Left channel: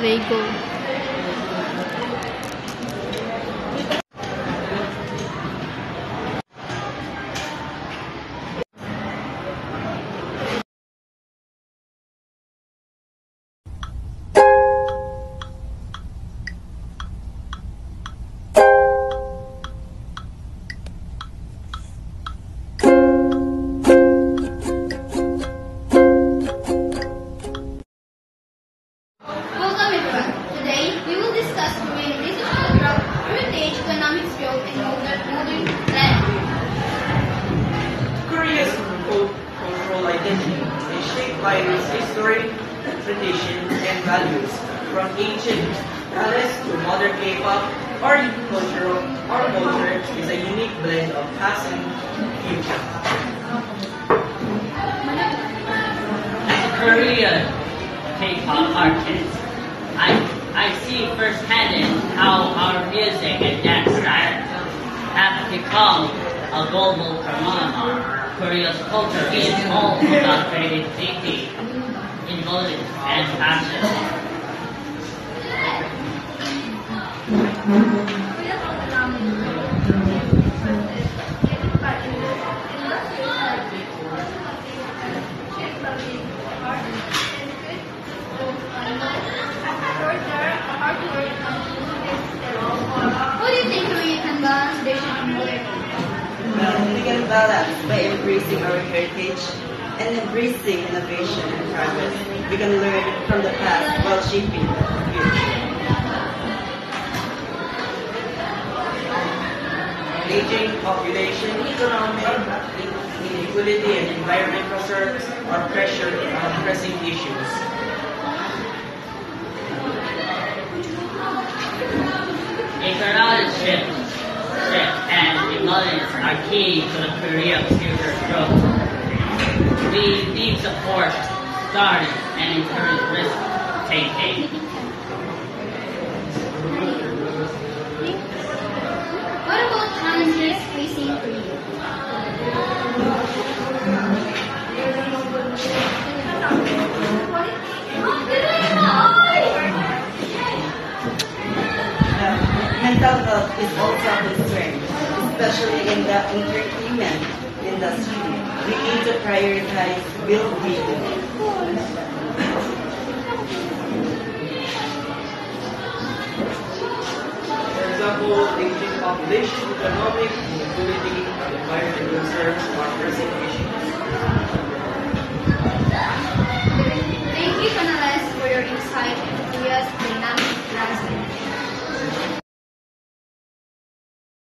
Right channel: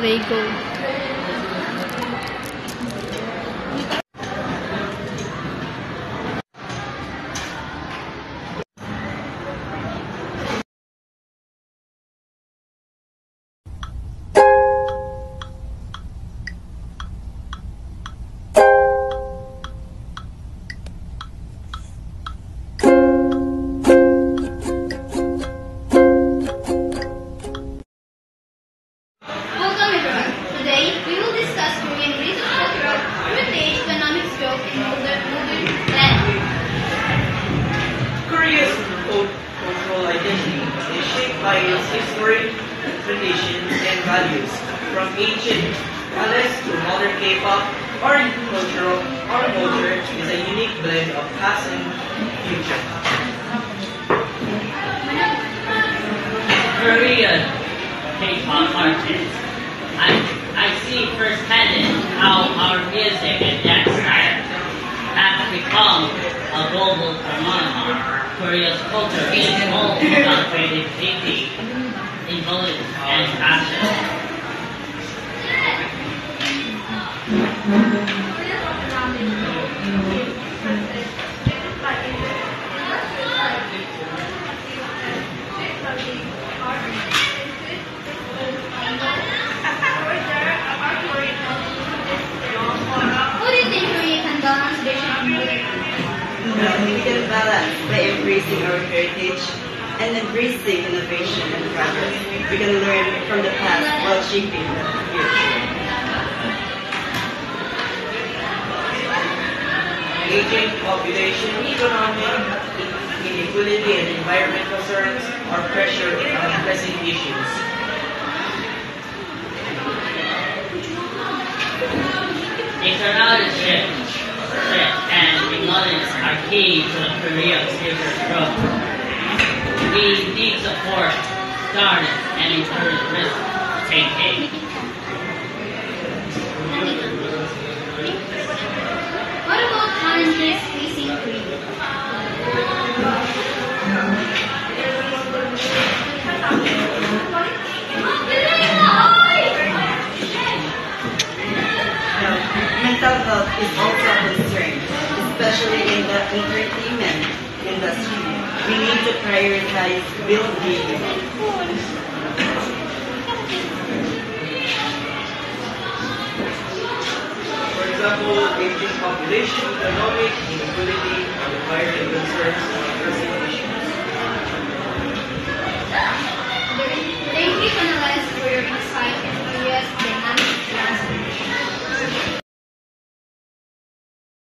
Lego. Welcome everyone. Today we will discuss Korean recent cultural heritage, economic growth, and modern land. Korea's cultural identity is shaped by its history, traditions, and values. From ancient palace to modern K-pop, our culture is a unique blend of past and future. Korean K-pop artists. I see firsthand how our music and dance style have become a global phenomenon. Korea's culture is all about creativity, intelligence, and passion. How do you think Korea can balance tradition and modernity? We can balance by embracing our heritage and embracing innovation and progress. We can learn from the past while shaping the future. Aging population, economic inequality, and environmental concerns are pressing issues. Economic shift and intelligence are key to the Korea's future growth. We need support, starting, and encourage risk-taking. What about challenges facing Korea? Mental health is also a concern, especially in the entertainment industry. We need to prioritize well-being. For example, aging population, economic inequality, and environmental concerns